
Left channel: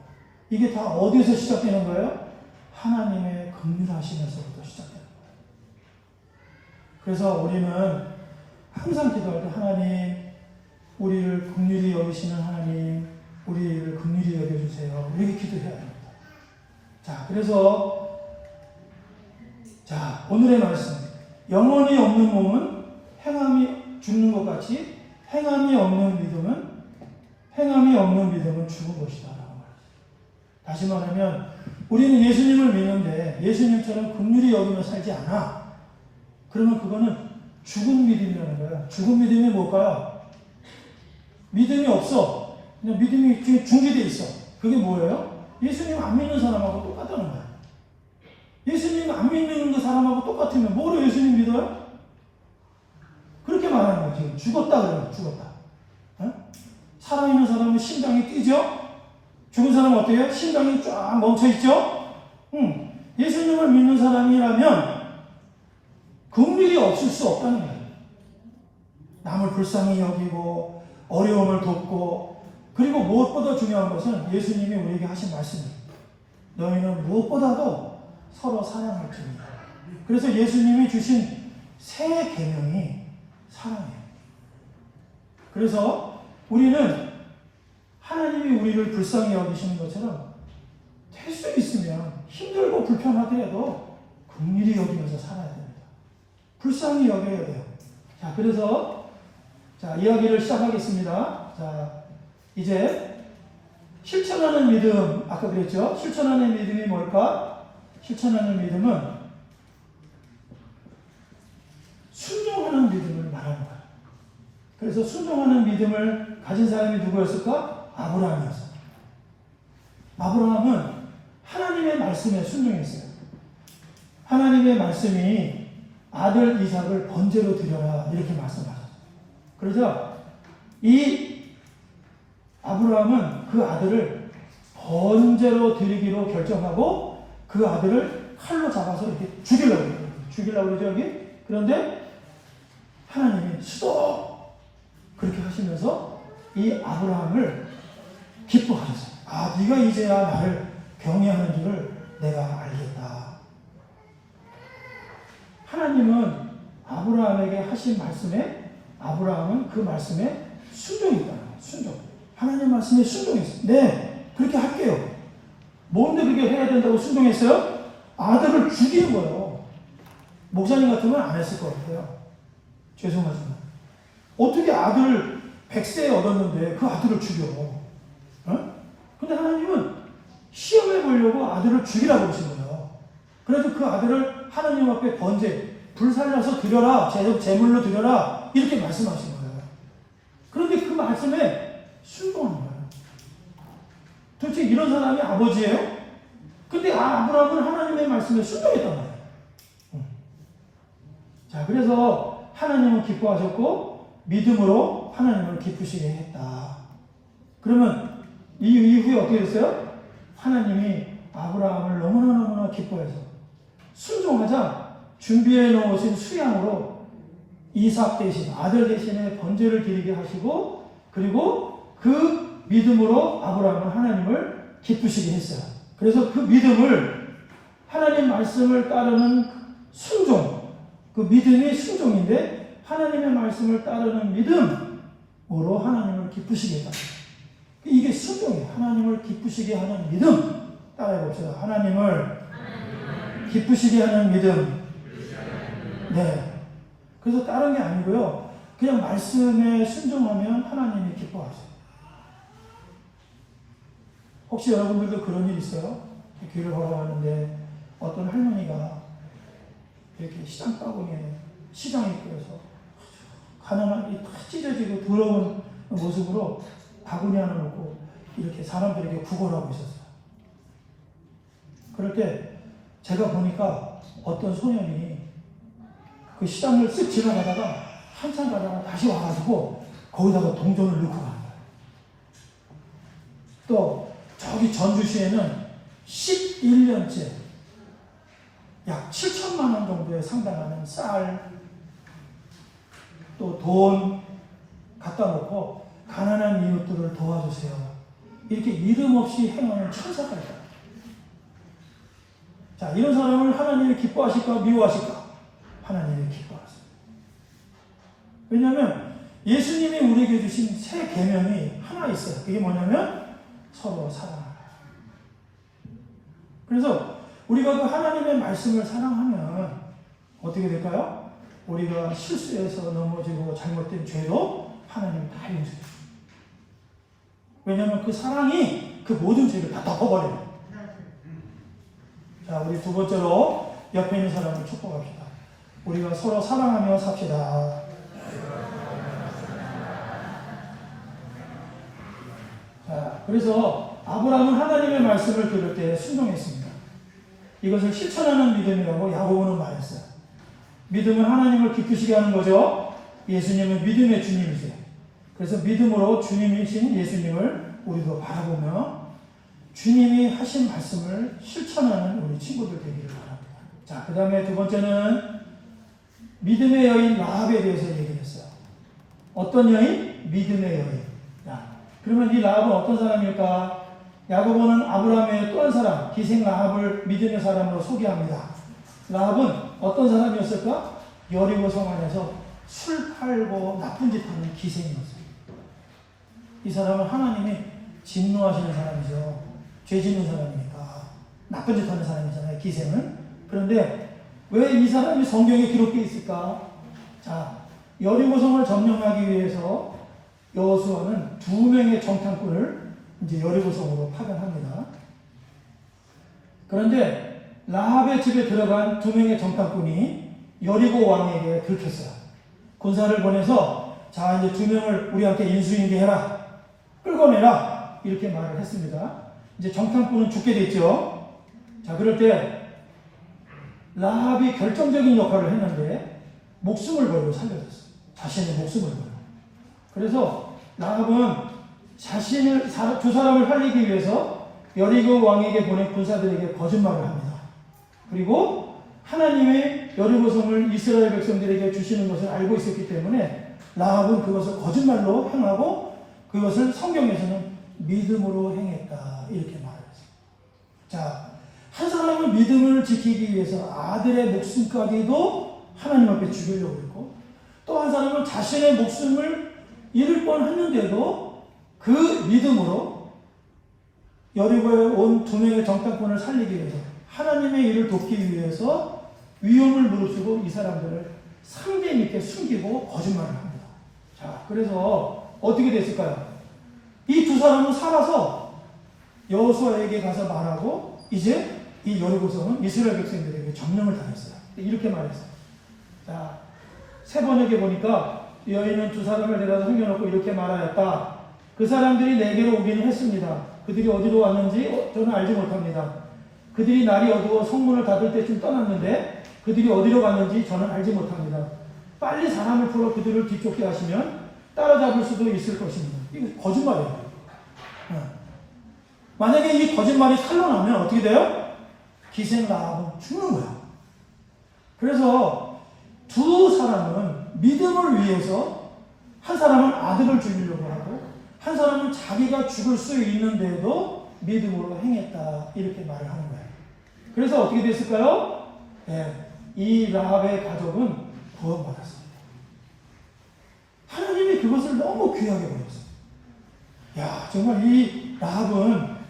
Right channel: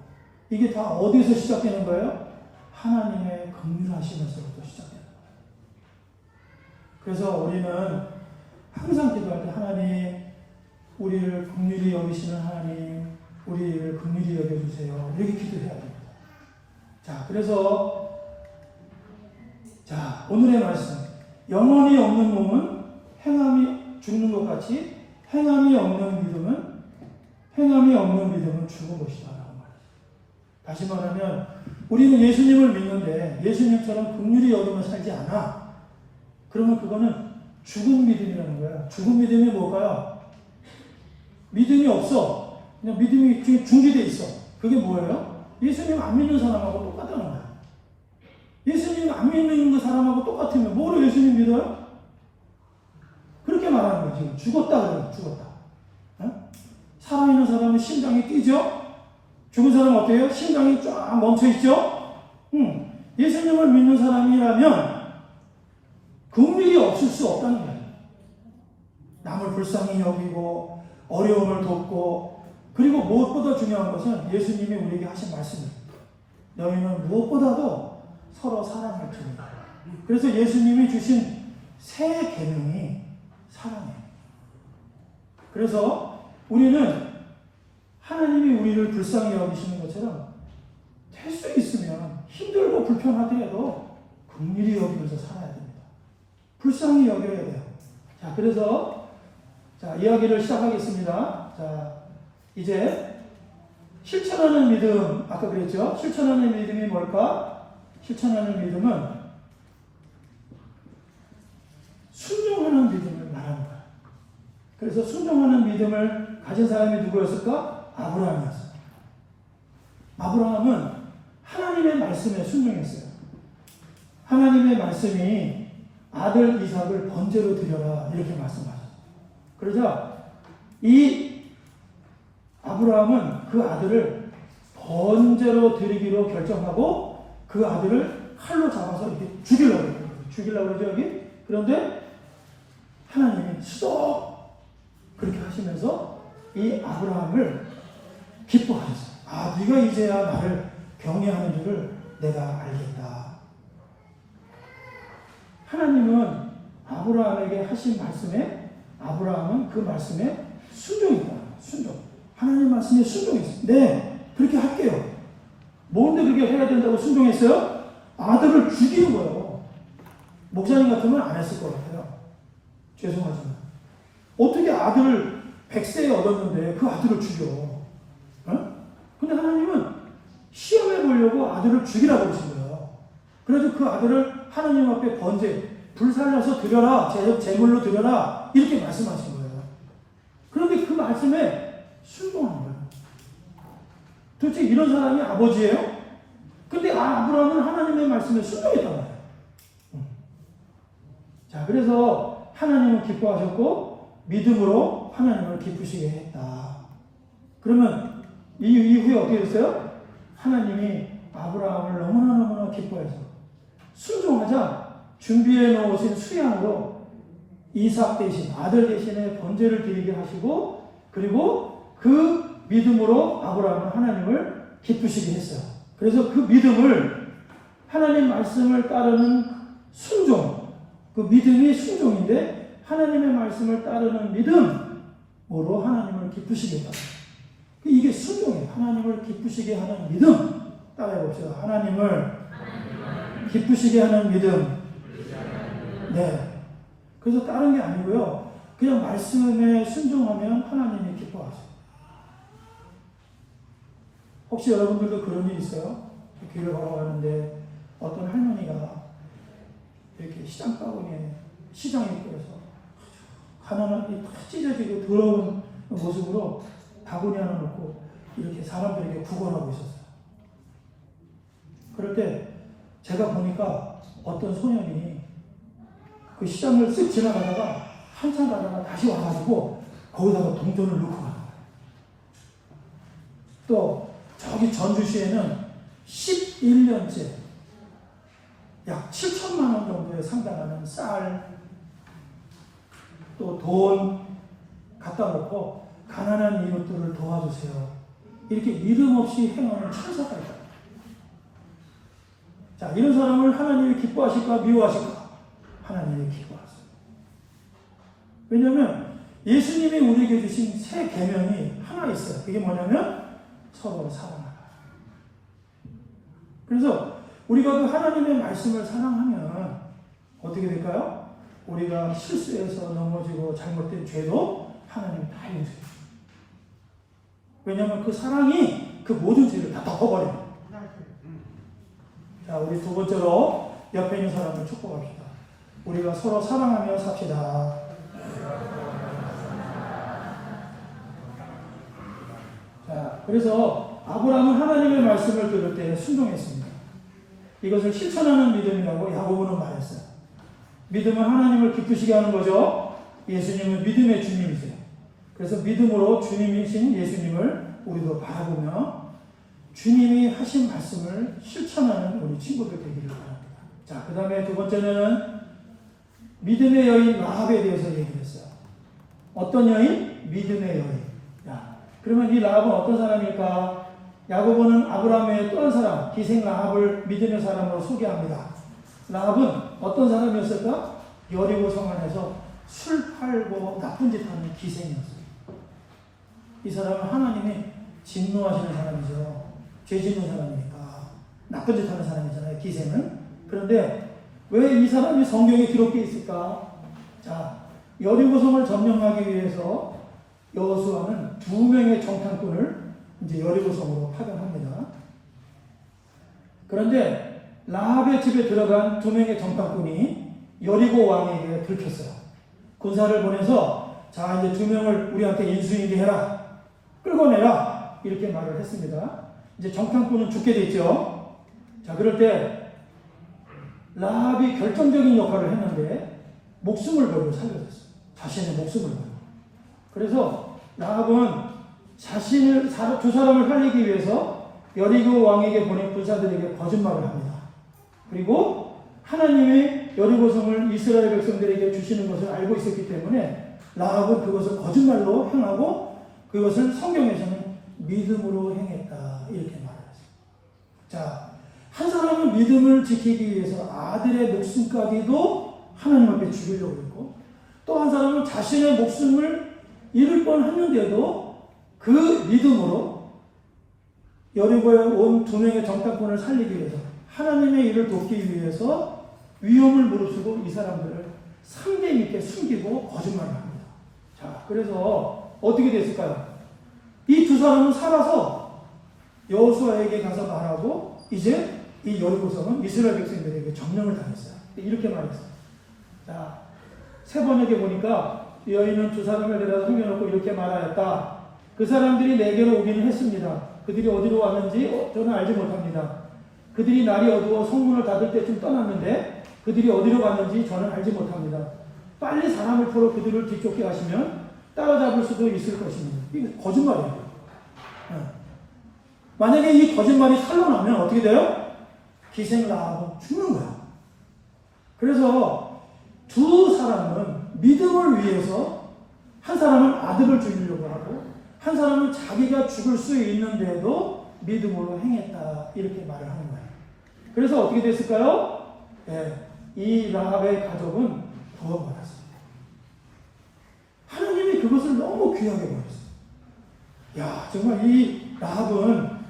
이게 다 어디에서 시작되는 거예요? 하나님의 긍휼하시면서부터 시작되는 거예요. 그래서 우리는 항상 기도할 때 하나님 우리를 긍휼히 여기시는 하나님 우리를 긍휼히 여겨주세요. 이렇게 기도해야 됩니다. 자, 그래서 자 오늘의 말씀 영혼이 없는 몸은 행함이 죽는 것 같이 행함이 없는 믿음은 죽은 것이다 라고 말이죠. 다시 말하면 우리는 예수님을 믿는데 예수님처럼 긍휼히 여기며 살지 않아. 그러면 그거는 죽은 믿음이라는 거야. 죽은 믿음이 뭘까요? 믿음이 없어. 그냥 믿음이 중지돼 있어. 그게 뭐예요? 예수님 안 믿는 사람하고 똑같다는 거야. 예수님 안 믿는 그 사람하고 똑같으면 뭐로 예수님 믿어요? 그렇게 말하는 거예요. 지금 죽었다 그래요. 죽었다. 어? 살아있는 사람은 심장이 뛰죠? 죽은 사람은 어때요? 심장이 쫙 멈춰있죠? 예수님을 믿는 사람이라면 긍휼이 없을 수 없다는 거예요. 남을 불쌍히 여기고 어려움을 돕고 그리고 무엇보다 중요한 것은 예수님이 우리에게 하신 말씀입니다. 너희는 무엇보다도 서로 사랑할지니라. 그래서 예수님이 주신 새 계명이 사랑이에요. 그래서 우리는 하나님이 우리를 불쌍히 여기시는 것처럼 될 수 있으면 힘들고 불편하더라도 긍휼히 여기면서 살아야 됩니다. 불쌍히 여겨야 돼요. 자, 그래서 자, 이야기를 시작하겠습니다. 자, 이제 실천하는 믿음, 아까 그랬죠? 실천하는 믿음이 뭘까? 실천하는 믿음은 순종하는 믿음을 말하는 거예요. 그래서 순종하는 믿음을 가진 사람이 누구였을까? 아브라함이었어요. 아브라함은 하나님의 말씀에 순종했어요. 하나님의 말씀이 아들 이삭을 번제로 드려라 이렇게 말씀하셨어요. 그러자 이 아브라함은 그 아들을 번제로 드리기로 결정하고 그 아들을 칼로 잡아서 이렇게 죽이려고 그래요. 죽이려고 그러죠, 여기? 그런데 하나님이 수도 그렇게 하시면서 이 아브라함을 기뻐하셨어요. 아, 네가 이제야 나를 경외하는 줄을 내가 알겠다. 하나님은 아브라함에게 하신 말씀에 아브라함은 그 말씀에 순종했다. 순종. 하나님 말씀에 순종했어요. 네, 그렇게 할게요. 뭔데 그렇게 해야 된다고 순종했어요? 아들을 죽이는 거예요. 목사님 같으면 안 했을 것 같아요. 죄송하지만. 어떻게 아들을 100세에 얻었는데 그 아들을 죽여? 어? 근데 하나님은 시험해 보려고 아들을 죽이라고 그러신 거예요. 그래서 그 아들을 하나님 앞에 번제, 불살라서 드려라, 제물로 드려라, 이렇게 말씀하신 거예요. 그런데 그 말씀에 순종한 거예요. 도대체 이런 사람이 아버지예요? 근데 아브라함은 하나님의 말씀에 순종했단 말이에요. 자, 그래서 하나님은 기뻐하셨고 믿음으로 하나님을 기쁘시게 했다. 그러면 이 이후에 어떻게 됐어요? 하나님이 아브라함을 너무나 기뻐해서 순종하자 준비해 놓으신 수양으로 이삭 대신 아들 대신에 번제를 드리게 하시고 그리고 그 믿음으로 아브라함은 하나님을 기쁘시게 했어요. 그래서 그 믿음을 하나님 말씀을 따르는 순종, 그 믿음이 순종인데 하나님의 말씀을 따르는 믿음으로 하나님을 기쁘시게 했다. 이게 순종이에요. 하나님을 기쁘시게 하는 믿음. 따라해 봅시다. 하나님을 기쁘시게 하는 믿음. 네. 그래서 다른 게 아니고요. 그냥 말씀에 순종하면 하나님이 기뻐하세요. 혹시 여러분들도 그런 일 있어요? 길을 걸어가는데 어떤 할머니가 이렇게 시장 바구니에 시장 입구에서 가난하게 다 찢어지고 더러운 모습으로 바구니 하나 놓고 이렇게 사람들에게 구걸하고 있었어요. 그럴 때 제가 보니까 어떤 소년이 그 시장을 쓱 지나가다가 한참 가다가 다시 와가지고 거기다가 동전을 넣고 가는 거예요. 또 저기 전주시에는 11년째 약 7천만 원 정도에 상당하는 쌀, 또 돈 갖다 놓고 가난한 이웃들을 도와주세요. 이렇게 믿음 없이 행하는 천사가 있다. 자, 이런 사람을 하나님이 기뻐하실까 미워하실까? 하나님이 기뻐하세요. 왜냐하면 예수님이 우리에게 주신 새 계명이 하나 있어요. 그게 뭐냐면 서로 사랑하라. 그래서 우리가 그 하나님의 말씀을 사랑하면 어떻게 될까요? 우리가 실수해서 넘어지고 잘못된 죄도 하나님이 다 용서해요. 왜냐하면 그 사랑이 그 모든 죄를 다 덮어버려요. 자, 우리 두 번째로 옆에 있는 사람을 축복합시다. 우리가 서로 사랑하며 삽시다. 자, 그래서 아브라함은 하나님의 말씀을 들을 때 순종했습니다. 이것을 실천하는 믿음이라고 야고보는 말했어요. 믿음은 하나님을 기쁘시게 하는 거죠. 예수님은 믿음의 주님이세요. 그래서 믿음으로 주님이신 예수님을 우리도 바라보며 주님이 하신 말씀을 실천하는 우리 친구들 되기를 바랍니다. 자, 그 다음에 두 번째는 믿음의 여인 라합에 대해서 얘기했어요. 어떤 여인? 믿음의 여인. 야, 그러면 이 라합은 어떤 사람일까? 야고보는 아브라함의 또 한 사람, 기생 라합을 믿음의 사람으로 소개합니다. 라합은 어떤 사람이었을까? 여리고 성 안에서 술 팔고 나쁜 짓 하는 기생이었어요. 이 사람은 하나님이 진노하시는 사람이죠. 죄 짓는 사람이니까. 나쁜 짓 하는 사람이잖아요, 기생은. 그런데 왜 이 사람이 성경에 기록되어 있을까? 자, 여리고성을 점령하기 위해서 여호수아는 2명의 정탐꾼을 이제 여리고성으로 파견합니다. 그런데 라합의 집에 들어간 2명의 정탐꾼이 여리고 왕에게 들켰어요. 군사를 보내서 자, 이제 2명을 우리한테 인수인계해라. 끌고 내라. 이렇게 말을 했습니다. 이제 정탐꾼은 죽게 됐죠. 자, 그럴 때 라합이 결정적인 역할을 했는데 목숨을 걸고 살려줬어요. 자신의 목숨을 걸고. 그래서 라합은 자신을 두 사람을 살리기 위해서 여리고 왕에게 보낸 군사들에게 거짓말을 합니다. 그리고 하나님의 여리고성을 이스라엘 백성들에게 주시는 것을 알고 있었기 때문에 라합은 그것을 거짓말로 행하고 그것을 성경에서는 믿음으로 행했다. 이렇게 말했어요. 자, 한 사람은 믿음을 지키기 위해서 아들의 목숨까지도 하나님 앞에 죽이려고 했고 또 한 사람은 자신의 목숨을 잃을 뻔했는데도 그 믿음으로 여리고에 온 2명의 정탐꾼을 살리기 위해서 하나님의 일을 돕기 위해서 위험을 무릅쓰고 이 사람들을 상대 밑에 숨기고 거짓말을 합니다. 자, 그래서 어떻게 됐을까요? 이 2 사람은 살아서 여호수아에게 가서 말하고 이제 이 여리고성은 이스라엘 백성들에게 점령을 당했어요. 이렇게 말했어요. 자, 3번역에 보니까 여인은 2 사람을 데려다 숨겨놓고 이렇게 말하였다. 그 사람들이 내게로 오기는 했습니다. 그들이 어디로 왔는지 저는 알지 못합니다. 그들이 날이 어두워 성문을 닫을 때쯤 떠났는데 그들이 어디로 갔는지 저는 알지 못합니다. 빨리 사람을 풀어 그들을 뒤쫓게 하시면 따라잡을 수도 있을 것입니다. 이거 거짓말이에요. 만약에 이 거짓말이 탄로나면 어떻게 돼요? 기생 라합은 죽는 거예요. 그래서 2 사람은 믿음을 위해서 한 사람은 아들을 죽이려고 하고 한 사람은 자기가 죽을 수 있는데도 믿음으로 행했다. 이렇게 말을 하는 거예요. 그래서 어떻게 됐을까요? 네, 이 라합의 가족은 구원받았습니다. 하나님이 그것을 너무 귀하게 보였어요. 야, 정말 이 라합은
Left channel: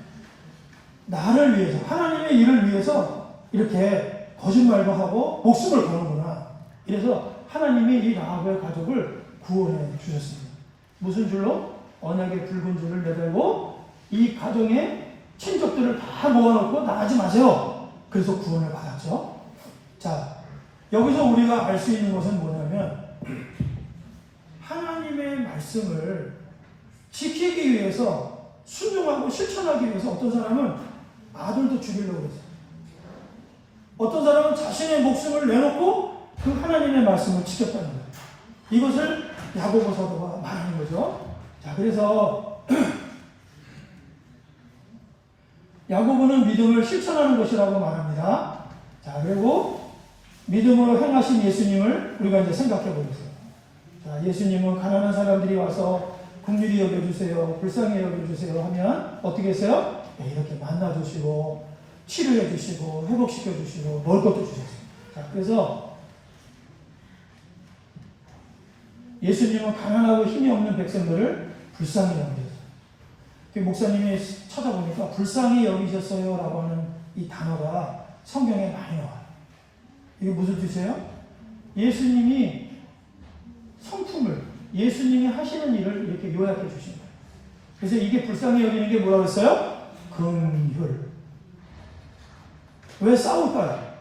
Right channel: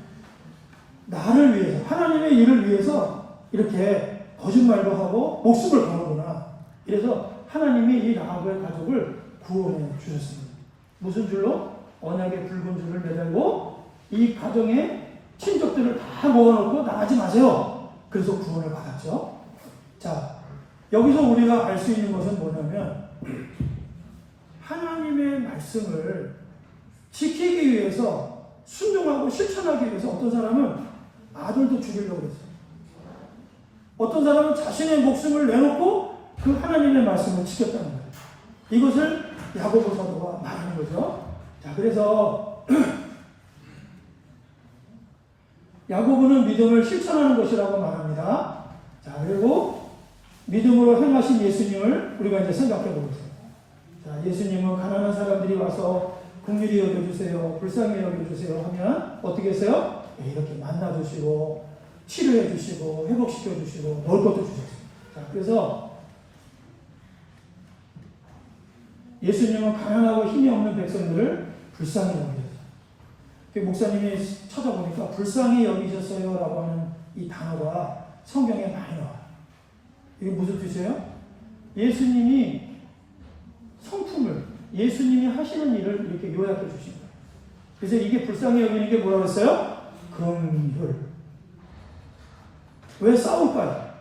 나를 위해서, 하나님의 일을 위해서 이렇게 거짓말도 하고 목숨을 거는구나. 이래서 하나님이 이 라합의 가족을 구원해 주셨습니다. 무슨 줄로? 언약의 붉은 줄을 매달고 이 가정의 친족들을 다 모아놓고 나가지 마세요. 그래서 구원을 받았죠. 자, 여기서 우리가 알 수 있는 것은 뭐냐면 하나님의 말씀을 지키기 위해서 순종하고 실천하기 위해서 어떤 사람은 아들도 죽이려고 했어요. 어떤 사람은 자신의 목숨을 내놓고 그 하나님의 말씀을 지켰다는 거예요. 이것을 야고보 사도가 말하는 거죠. 자, 그래서 야고보는 믿음을 실천하는 것이라고 말합니다. 자, 그리고 믿음으로 행하신 예수님을 우리가 이제 생각해 보겠습니다. 자, 예수님은 가난한 사람들이 와서 긍휼히 여겨주세요, 불쌍히 여겨주세요 하면 어떻게 했어요? 네, 이렇게 만나주시고 치료해 주시고 회복시켜 주시고 먹을 것도 주셨어요. 자, 그래서 예수님은 가난하고 힘이 없는 백성들을 불쌍히 여기셨어요. 목사님이 찾아보니까 불쌍히 여기셨어요 라고 하는 이 단어가 성경에 많이 나와요. 이게 무슨 뜻이에요? 예수님이 성품을, 예수님이 하시는 일을 이렇게 요약해 주신 거예요. 그래서 이게 불쌍히 여기는 게 뭐라고 했어요? 긍휼. 왜 싸울까요?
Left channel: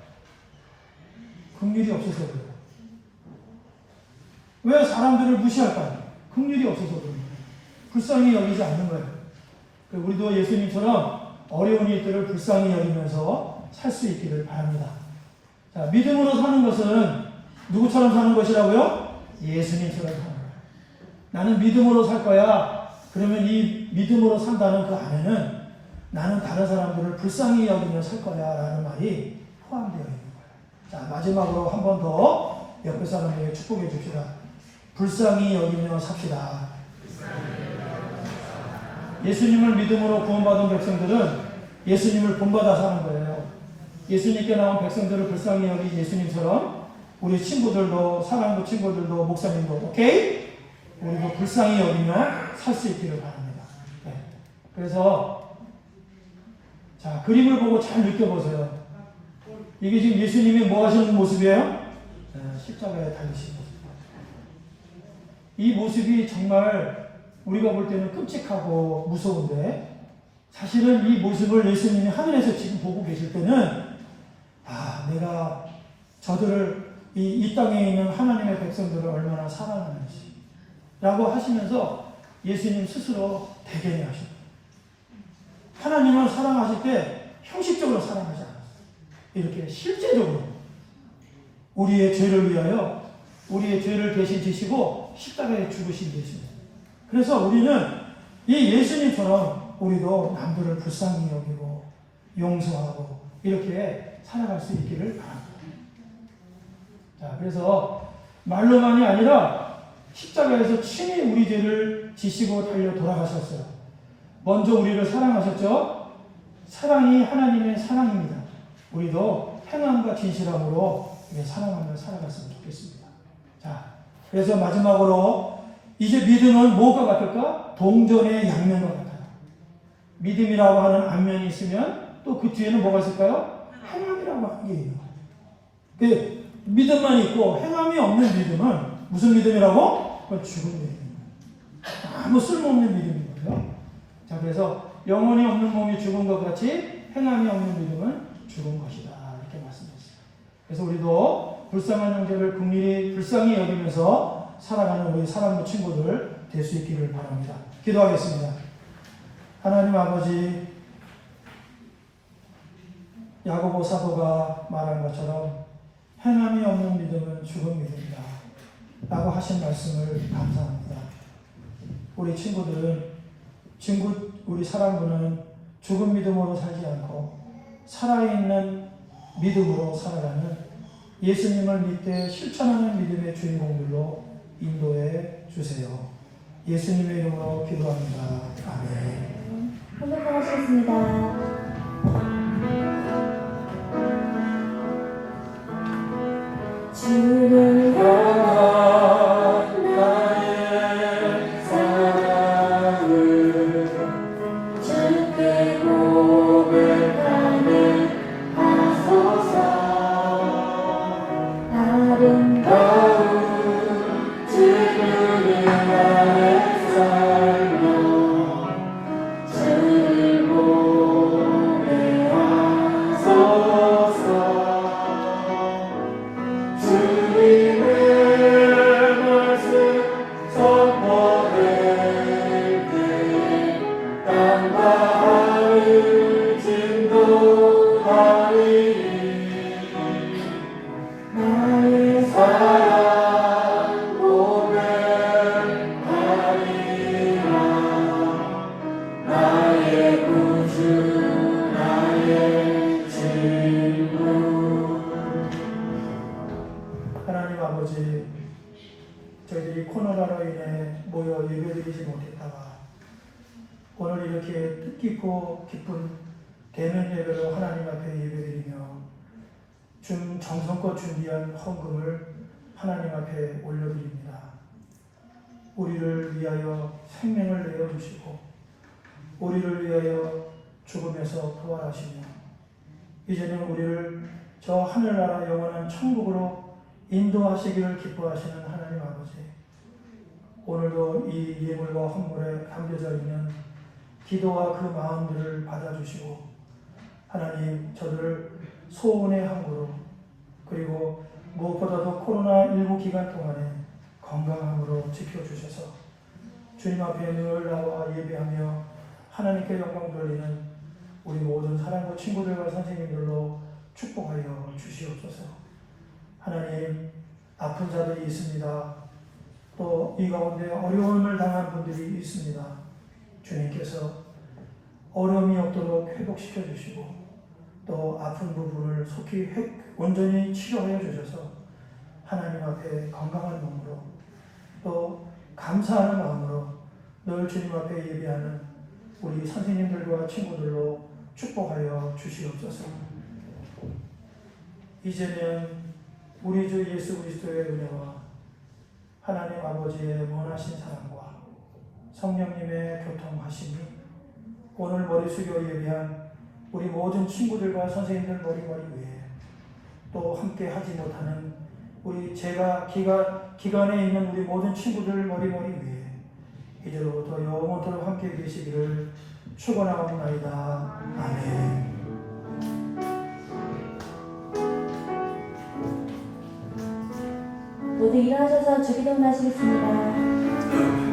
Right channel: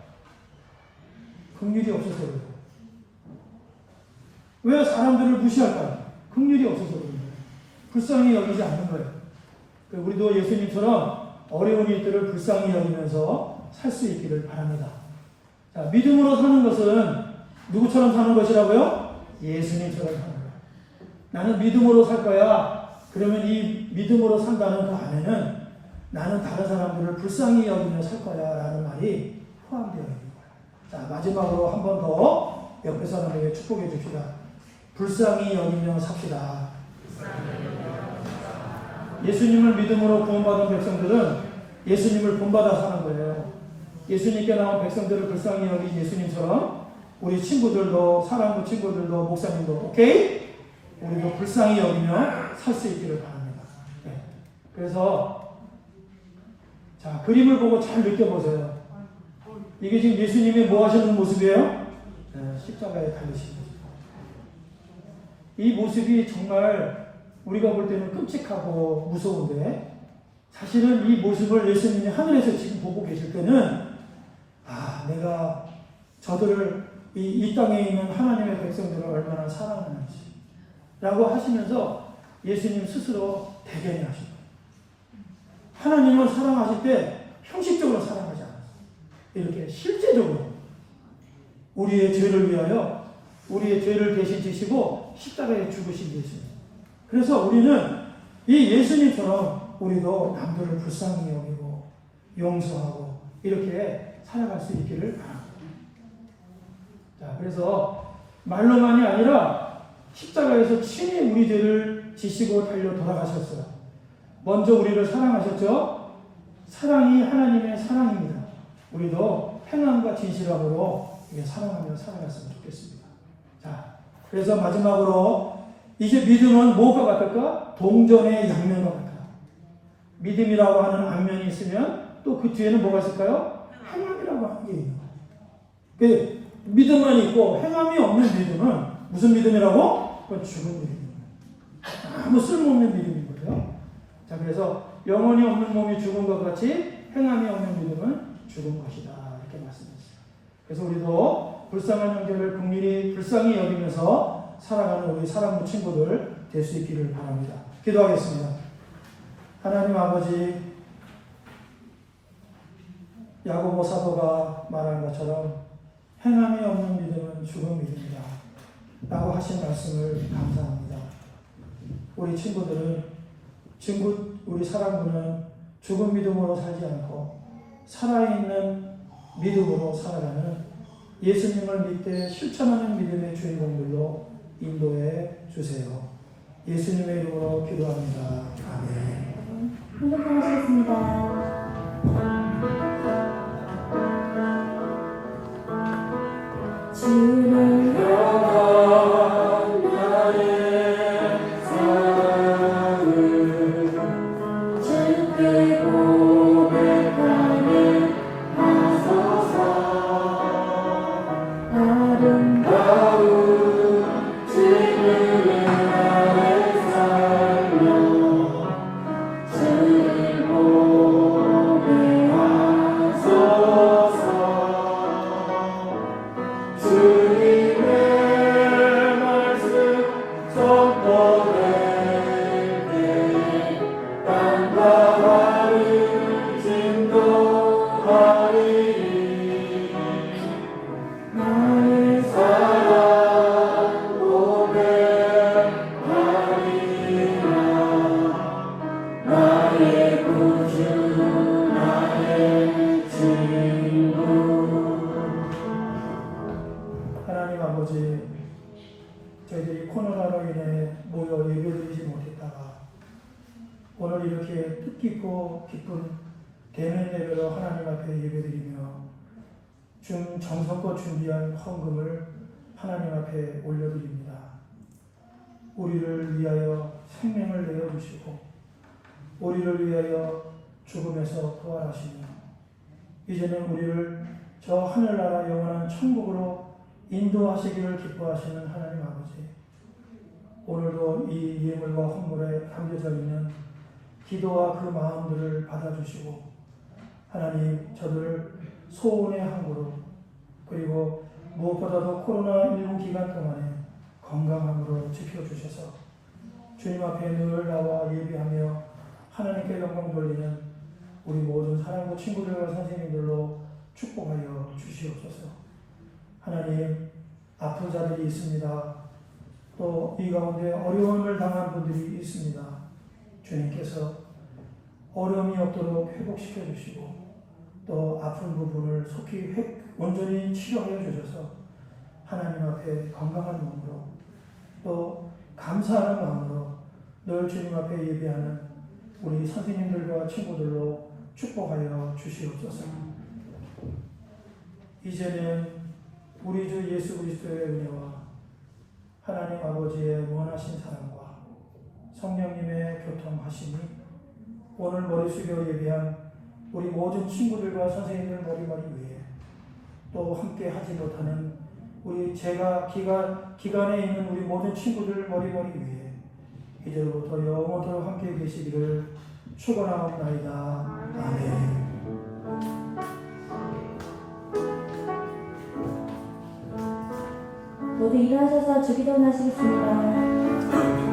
긍휼이 없어서 그래요. 왜 사람들을 무시할까요? 긍휼이 없어서 그래요. 불쌍히 여기지 않는 거예요. 우리도 예수님처럼 어려운 일들을 불쌍히 여기면서 살 수 있기를 바랍니다. 자, 믿음으로 사는 것은 누구처럼 사는 것이라고요? 예수님처럼 사는 거예요. 나는 믿음으로 살 거야. 그러면 이 믿음으로 산다는 그 안에는 나는 다른 사람들을 불쌍히 여기며 살 거야 라는 말이 포함되어 있는 거예요. 자, 마지막으로 한 번 더 옆에 사람에게 축복해 줍시다. 불쌍히 여기며 삽시다. 예수님을 믿음으로 구원받은 백성들은 예수님을 본받아 사는 거예요. 예수님께 나온 백성들을 불쌍히 여긴 예수님처럼 우리 친구들도, 사랑도 친구들도, 목사님도, 오케이? 우리도 불쌍히 여기며 살 수 있기를 바랍니다. 네. 그래서 자, 그림을 보고 잘 느껴보세요. 이게 지금 예수님이 뭐 하시는 모습이에요? 네, 십자가에 달리신 모습. 이 모습이 정말 우리가 볼 때는 끔찍하고 무서운데 사실은 이 모습을 예수님이 하늘에서 지금 보고 계실 때는 내가 저들을 이 땅에 있는 하나님의 백성들을 얼마나 사랑하는지 라고 하시면서 예수님 스스로 대견해 하시고 하나님을 사랑하실 때 형식적으로 사랑하지 않았어요. 이렇게 실제적으로 우리의 죄를 위하여 우리의 죄를 대신 지시고 십자가에 죽으신 예수님. 그래서 우리는 이 예수님처럼 우리도 남들을 불쌍히 여기고 용서하고 이렇게 살아갈 수 있기를 바랍니다. 자, 그래서 말로만이 아니라 십자가에서 친히 우리 죄를 지시고 달려 돌아가셨어요. 먼저 우리를 사랑하셨죠? 사랑이 하나님의 사랑입니다. 우리도 행함과 진실함으로 사랑하며 살아갔으면 좋겠습니다. 자, 그래서 마지막으로 이제 믿음은 뭐가 같을까? 동전의 양면과 같아요. 믿음이라고 하는 앞면이 있으면 또 그 뒤에는 뭐가 있을까요? 행함이라고 하는 게 있는 거예요. 믿음만 있고 행함이 없는 믿음은 무슨 믿음이라고? 그건 죽은 믿음입니다. 아무 쓸모없는 믿음인 거예요. 자, 그래서 영혼이 없는 몸이 죽은 것 같이 행함이 없는 믿음은 죽은 것이다. 이렇게 말씀드렸어요. 그래서 우리도 불쌍한 형제를 긍휼히 불쌍히 여기면서 살아가는 우리 사랑하는 친구들 될 수 있기를 바랍니다. 기도하겠습니다. 하나님 아버지, 야고보 사도가 말한 것처럼 행함이 없는 믿음은 죽은 믿음이다 라고 하신 말씀을 감사합니다. 우리 친구들은 우리 사랑부는 죽은 믿음으로 살지 않고 살아있는 믿음으로 살아가는 예수님을 믿되 실천하는 믿음의 주인공들로 인도해 주세요. 예수님의 이름으로 기도합니다. 아멘. 행복하시겠습니다. 주를 향한 나의 사랑을 주께 고백하는 하소서. 아름다운 주님의 나의 삶로 주를 저희들이 코로나로 인해 모여 예배드리지 못했다가 오늘 이렇게 뜻깊고 기쁜 대면 예배로 하나님 앞에 예배드리며 정성껏 준비한 헌금을 하나님 앞에 올려드립니다. 우리를 위하여 생명을 내어주시고 우리를 위하여 죽음에서 부활하시며 이제는 우리를 저 하늘나라 영원한 천국으로 인도하시기를 기뻐하시는 하나님 아버지, 오늘도 이 예물과 헌물에 담겨져 있는 기도와 그 마음들을 받아주시고 하나님 저들을 소원의 항구로 그리고 무엇보다도 코로나19 기간 동안에 건강함으로 지켜주셔서 주님 앞에 늘 나와 예배하며 하나님께 영광 돌리는 우리 모든 사랑과 친구들과 선생님들로 축복하여 주시옵소서. 하나님, 아픈 자들이 있습니다. 또 이 가운데 어려움을 당한 분들이 있습니다. 주님께서 어려움이 없도록 회복시켜 주시고 또 아픈 부분을 속히 온전히 치료하여 주셔서 하나님 앞에 건강한 몸으로 또 감사하는 마음으로 늘 주님 앞에 예배하는 우리 선생님들과 친구들로 축복하여 주시옵소서. 이제는 우리 주 예수 그리스도의 은혜와 하나님 아버지의 원하신 사랑과 성령님의 교통하심이 오늘 머리 숙여 예배한 우리 모든 친구들과 선생님들 머리머리 위에 또 함께 하지 못하는 우리 제가 기간에 있는 우리 모든 친구들 머리머리 위에 이제로부터 영원토록 함께 계시기를 축원하옵나이다. 아멘. 모두 일어나셔서 주기도 하시겠습니다.